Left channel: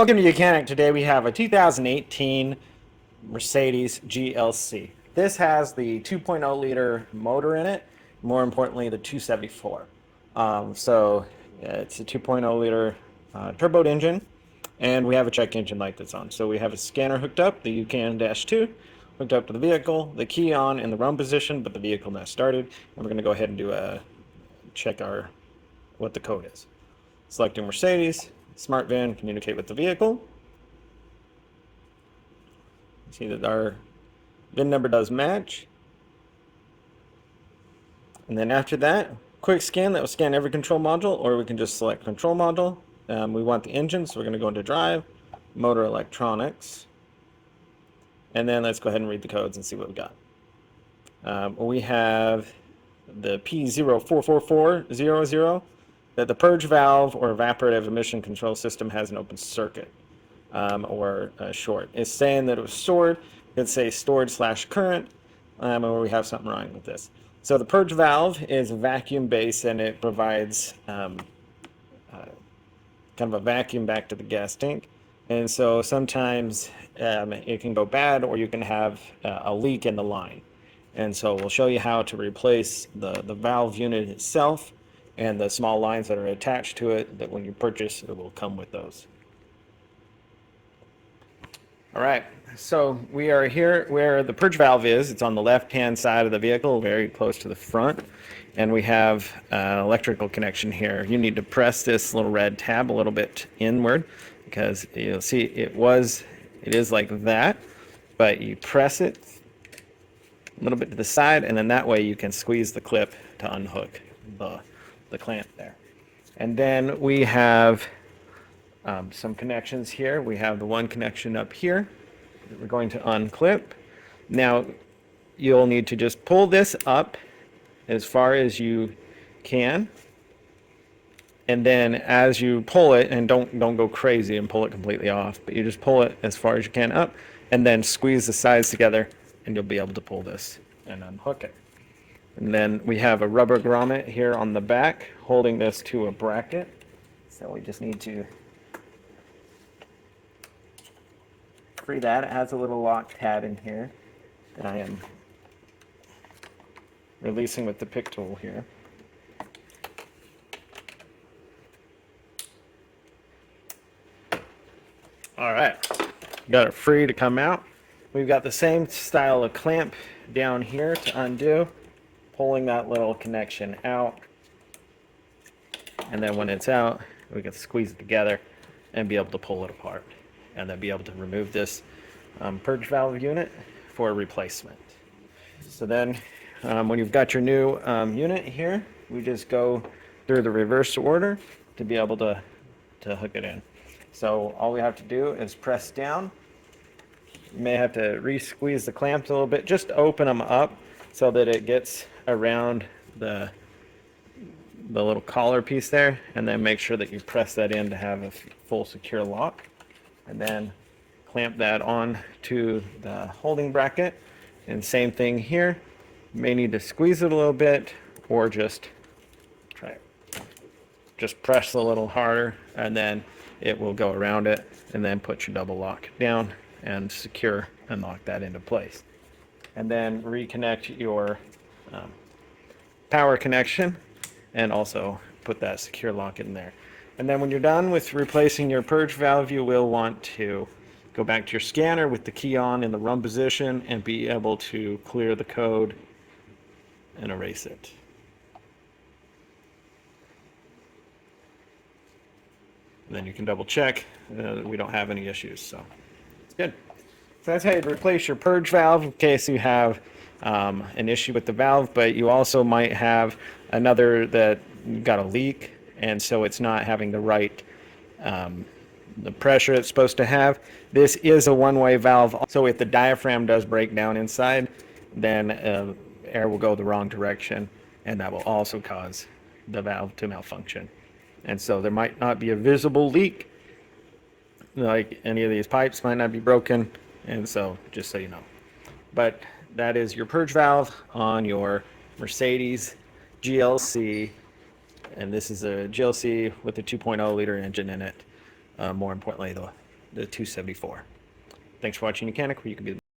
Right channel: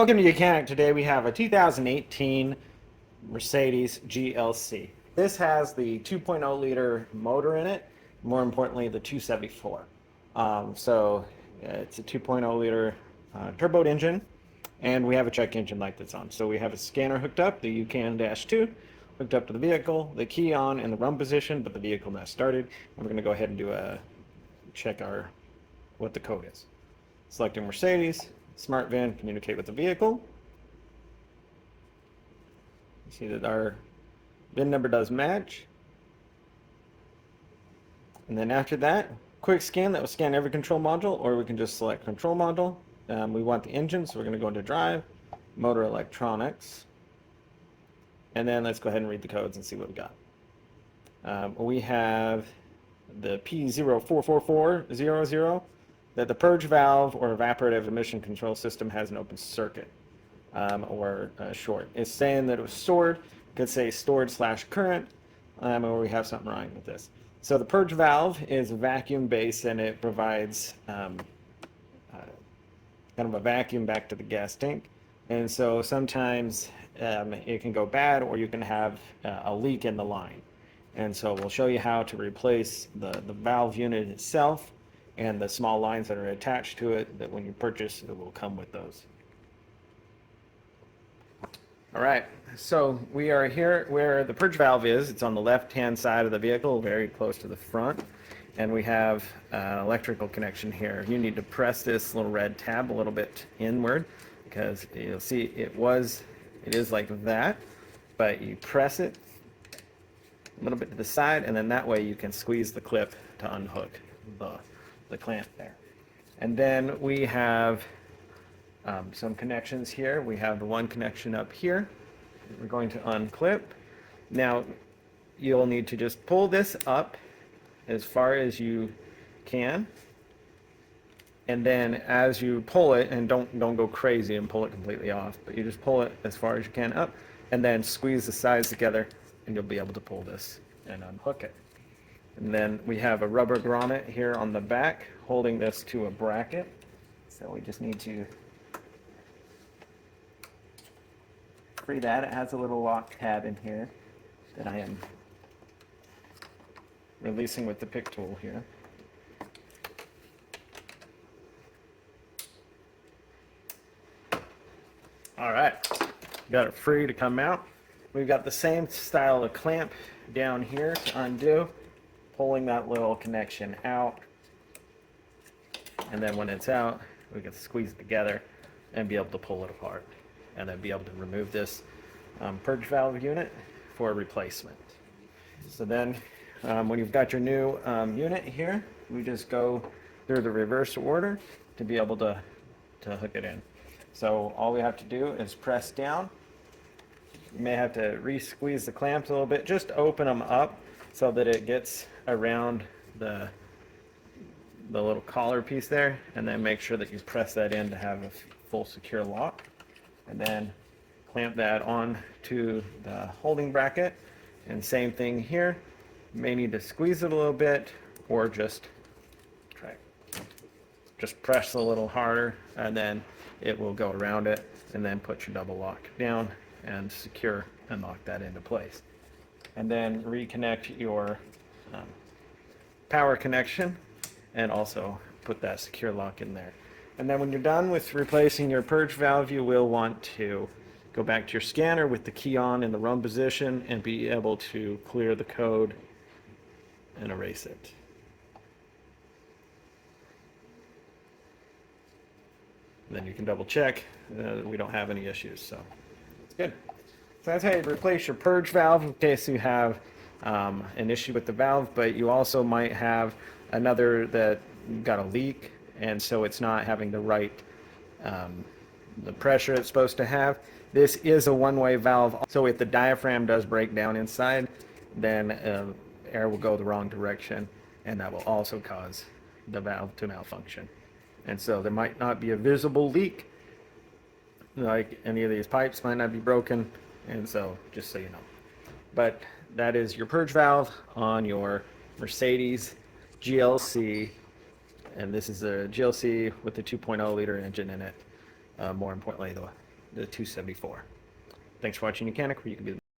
Welcome to Mechanic. Today we have a 2018 Mercedes GLC. This has the 2.0 liter motor in it, more importantly the 274. It's a 2.0 liter turbo engine, and we have a check engine light that's on. So we have a scanner hooked up, the UCAN-2, hooked up to the vehicle, the key on in the run position, but the vehicle has started. And we're going to go ahead and do a check what the code is. Selecting Mercedes, smart van, communicate with the vehicle. See that our VIN number does match. And then after that, quick scan, that will scan every control module, or we can just select control module. We want the engine, so we're going to go into drive, motor electronics. And then let's go ahead and read the codes and see what we got. We have the P044400, that the purge valve or evaporative emission control system has an open circuit or short. It's saying that it was stored. It's a stored/current, or we have something wrong with this. So the purge valve is vacuum based, and it provides kind of a vacuum back to the gas tank. And so sometimes it can go bad, or you can have a leak in the line. And so we'll show you how to replace the valve unit itself and the small lines that are attached to it, that when you purchase, it will come with those. All right, so we are here where the purge valve is. It's on the left-hand side of the vehicle, very close to the front. And we have electrical connection here. You need to press this little red tab a little bit inward, because you'll see it is like that, but you press it a little bit to the side, and then that way you can squeeze the clip to unhook the clamp there. And then we have some connections here. We have the one connection up here that we're going to unclip. Now you'll need to just pull this up as far as you can, and then as you pull it, and don't go crazy and pull it completely off, but you just pull it as far as you can up, and then squeeze the sides together, and you'll be able to pull this and unhook it. And then we have a rubber grommet here on the back holding this to a bracket. So we just need to free that. It has a little lock tab in here that I am releasing with the pick tool here. All right, got it free to come out. We've got the same style of clamp down here to undo, pulling that little connection out, and then when it's out, we can squeeze it together and be able to pull it apart, and then be able to remove this purge valve unit for replacement. So then when you've got your new unit here, we just go through the reverse order to be able to hook it in. So all we have to do is press down. You may have to re-squeeze the clamps a little bit just to open them up so that it gets around the little collar piece there, and then make sure that you press that in to have a full secure lock, and then clamp that on to the holding bracket. And same thing here, you may need to squeeze it a little bit, or just press a little harder, and then it will go around it, and then put your double lock down and secure and lock that into place. And then reconnect your power connection, and also put that secure lock in there. And then when you're done with replacing your purge valve, you will want to go back to your scanner with the key on in the run position and be able to clear the code and erase it. And then you can double check that we don't have any issues, so it's good. So that's how you replace your purge valve in case you have an issue with the valve, but you also might have another that you've got a leak, and so it's not having the right the pressure it's supposed to have. This is a one-way valve, so if the diaphragm does break down inside, then air will go the wrong direction, and that will also cause the valve to malfunction. And so there might not be a visible leak, like any of these pipes might not be broken, and so just so you know. But that is your purge valve on your Mercedes GLC, and this is a GLC with a 2.0 liter engine in it. More importantly, the 274. Thanks for watching Mechanic, where you can be the